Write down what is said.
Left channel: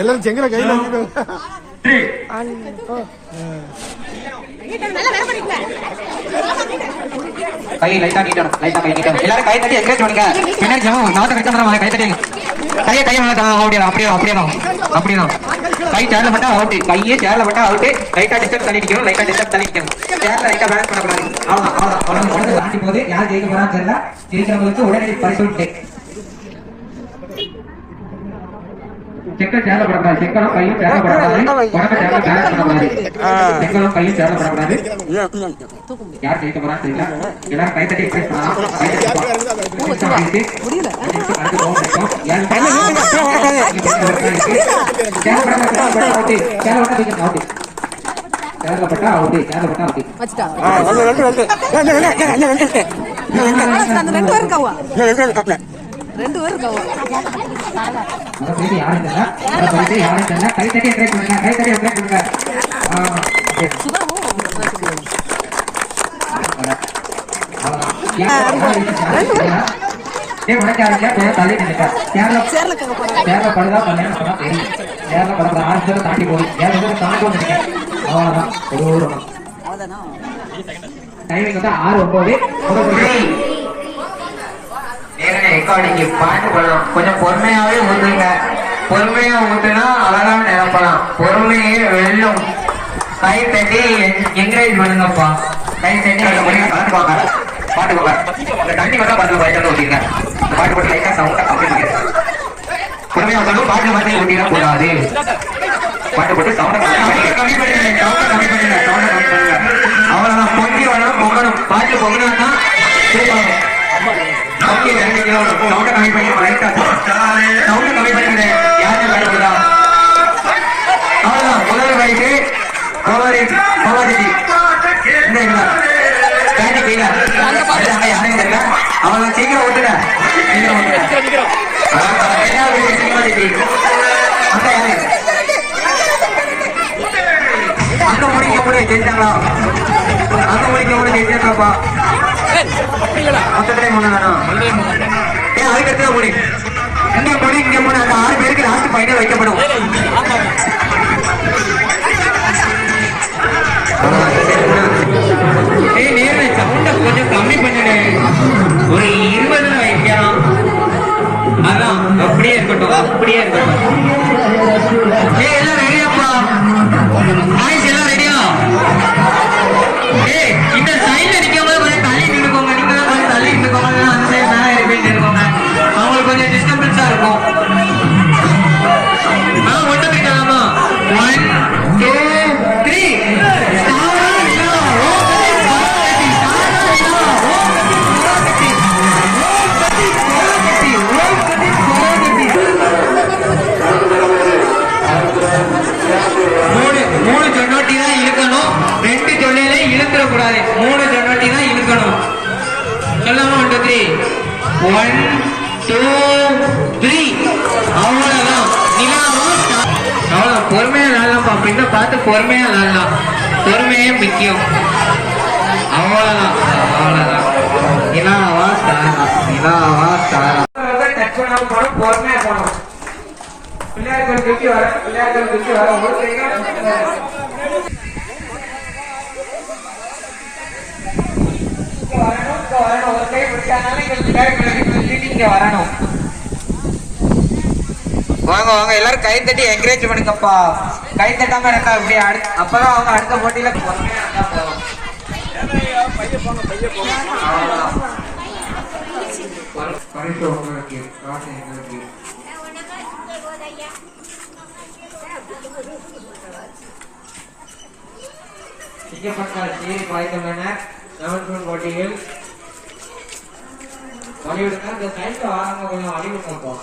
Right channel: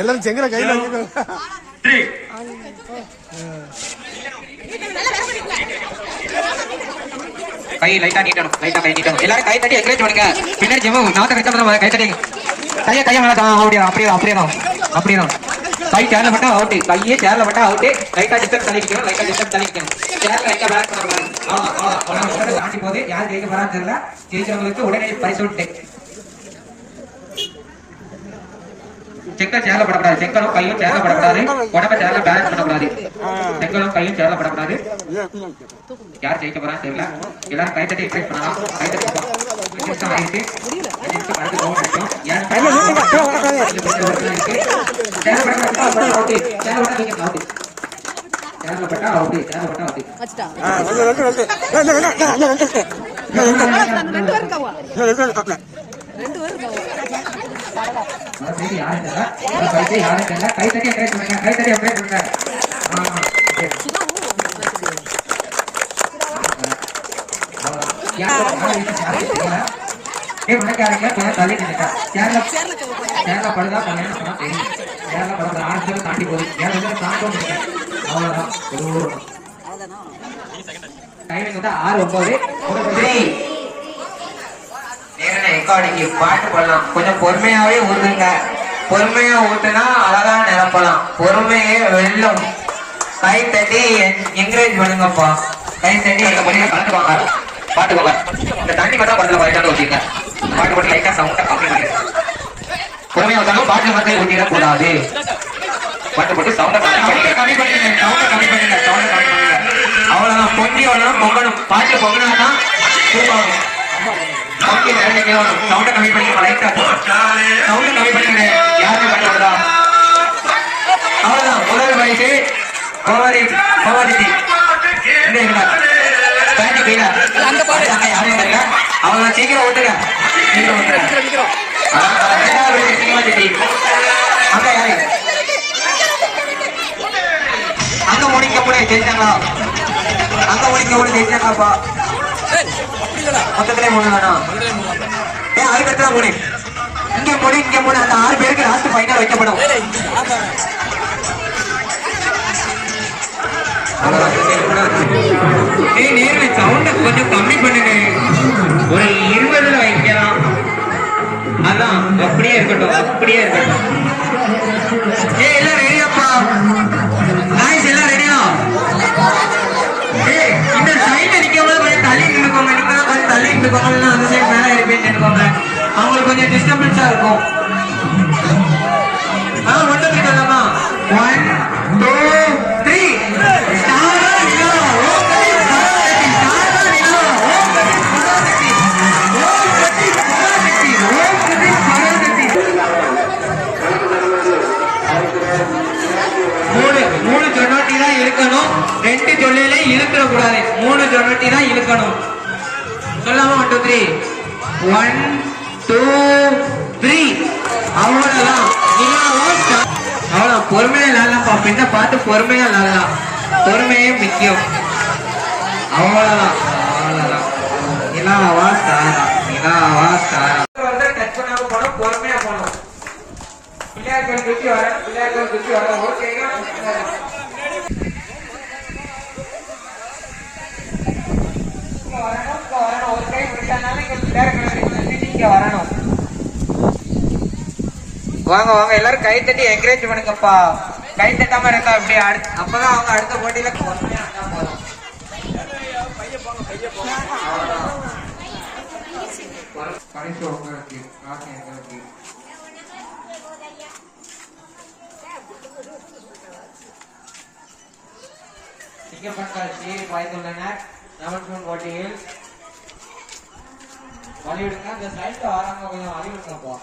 எல்லாரும் செங்கல கையில கை லைட்டா நீட்டணும், லைட்டா கை நீட்டணும். எல்லாரும் கை தட்டி என்கரேஜ் பண்ணுங்க. பின்னாடி ஜெமு நாத்த கட்ட வந்து கை தட்டி கையை கையை அப்படியே அப்படியே அப்படியே தான் கை சேர்ல மட்டும் அவுட், கையே சேர்ல மட்டும் அவுட். லைட்டா டிஸ்டன்ஸ் தள்ளிக்கணும், லைட்டா டிஸ்டன்ஸ் தள்ளிக்கணும். சேர்ல லைட்டா பேலன்ஸ் பண்ணக்கூடாது. அவ்வளவுதான் தாண்டி போகுது. யார் ஜெயிக்க போறான்னு தெரியல. ஜெயிக்கிறவங்களுக்கு உடனே பரிசு உண்டு. செங்கல் சேர்ல படக்கூடாது, செங்கலும் கையும் சேர்ல படக்கூடாது, உடம்பை சேர்ல பேலன்ஸ் பண்ணக்கூடாது. செங்கலும் கையும் சேர்ல படக்கூடாது. யார் ஜெயிக்க போறான்னு தெரியல. எல்லாரும் கை தட்டி எக்ஸ்பெக்ட் பண்ணலாம். கை தட்டி தாண்டி போகுது. டைமிங் வந்து 6:09. ரெக்கார்டிங்கு பாட்டு பண்ணலாம். கொஞ்சம் பொறுமையாவே ஊத்துங்க. பொறுமையா ஊத்துனா அழகா நிரப்பலாம். பொறுமையே வெல்லும். கை தட்டி என்கரேஜ் பண்ணுங்கப்பா. கை தட்டி கலந்துவாங்க. பாட்டு போங்க. இந்த தண்ணி மட்டும் பக்கத்துல லைட்டா ஊத்திங்க. பாட்டு போட்டு லைட்டா சவுண்டா கம்மி பண்ணுங்க. பொறுமையா ஊத்தாலும் பாட்டு மட்டும் ஊத்திட கூடாது. பாட்டு போட்டு சவுண்டா கம்மி பண்ணுங்க. சவுண்டா கம்மி பண்ணுங்க. அவ்வளவுதான். பொங்கி வரணும், பொங்கணும். பாட்டு பொங்கணும்னா சூப்பராக சவுண்ட கம்மி பண்ணிக்க. லைட்டா சவுண்ட கம்மி பண்ணிக்க. யாருமே பயன்படுதா? அவ்வளவுதான். முதல் வயசு யாரையும் தெரியல. அவங்க சீக்கிரம் ஓட்டுங்க, சீக்கிரம் ஓட்டுங்க. அங்க யாரு அங்க முடிக்க கூட ஜெயிச்சாங்களா? அங்க முடிக்க கூட ஜெயிச்சாங்கப்பா. மொத்தத்திலே மூணு தானா? அதுக்கு அடுத்ததான் மூணு. இங்க மூணு. அந்த 6 பேருக்கு லாஸ்ட் ஃபைனல் வைக்கப்படும். சவுண்ட கொஞ்சம் கம்மி பண்ணுங்க. ஒரு 20 வைக்கலாம். அதான் அப்படியே இருக்கட்டும், அப்படியே இருக்கட்டும். எல்லாம் ரெடியாப்பா? நாய்ஸ் எல்லாம் ரெடியா? இந்த சைட்ல நிற்கும் கொஞ்சம் தள்ளி நின்றுக்கோங்க. நீங்க தான் கொஞ்சம் தள்ளி நின்றுக்கோங்க. அந்த சைட் மேலே இருப்பேன் நின்றுக்கோங்க. அவங்களுக்கு கொஞ்சம் டிஸ்டர்பன்ஸா இருக்கும். ஒன்று போயிடலாமா? 1 2 3 மூணு சொன்னோட்டி தான் இழுக்கணும். 2 சொல்லையில இழுக்கிற கூடாது. 3 சொன்னோட்டி தான் இழுக்கணும். சொல்லாம 1 2 3 1 2 3 அவ்வளவுதான். அவ்வளவுதான். பொறுமையா விளாடலாம்ப்பா. பின்ன பார்த்து பொறுமையா விளாடலாம். பொறுமையே முக்கியம். அவ்வளவுதான். நிலாவா ஸ்டாரா, நிலாவா ஸ்டாரா. டச் பண்ணாம போகணும், பொறுமையா போகணும். பிள்ளையார்கள் குச்சி வர, பிள்ளையார்கள் குச்சி வர. ஓகேங்க. வரணும். வாங்க வாங்க எல்லாரும் கை தட்டி என்கரேஜ் பண்ணிக்கப்பா. கை தட்டாம இருந்தா இப்படி அப்பதான் அவங்க அடுத்த போட்டியில பொறுமையா இருந்தா போதும். போட்டியில் வலியுறுத்தா இந்த சைட்ல வாரங்க கொஞ்சம் வலியுறுத்தப்பா.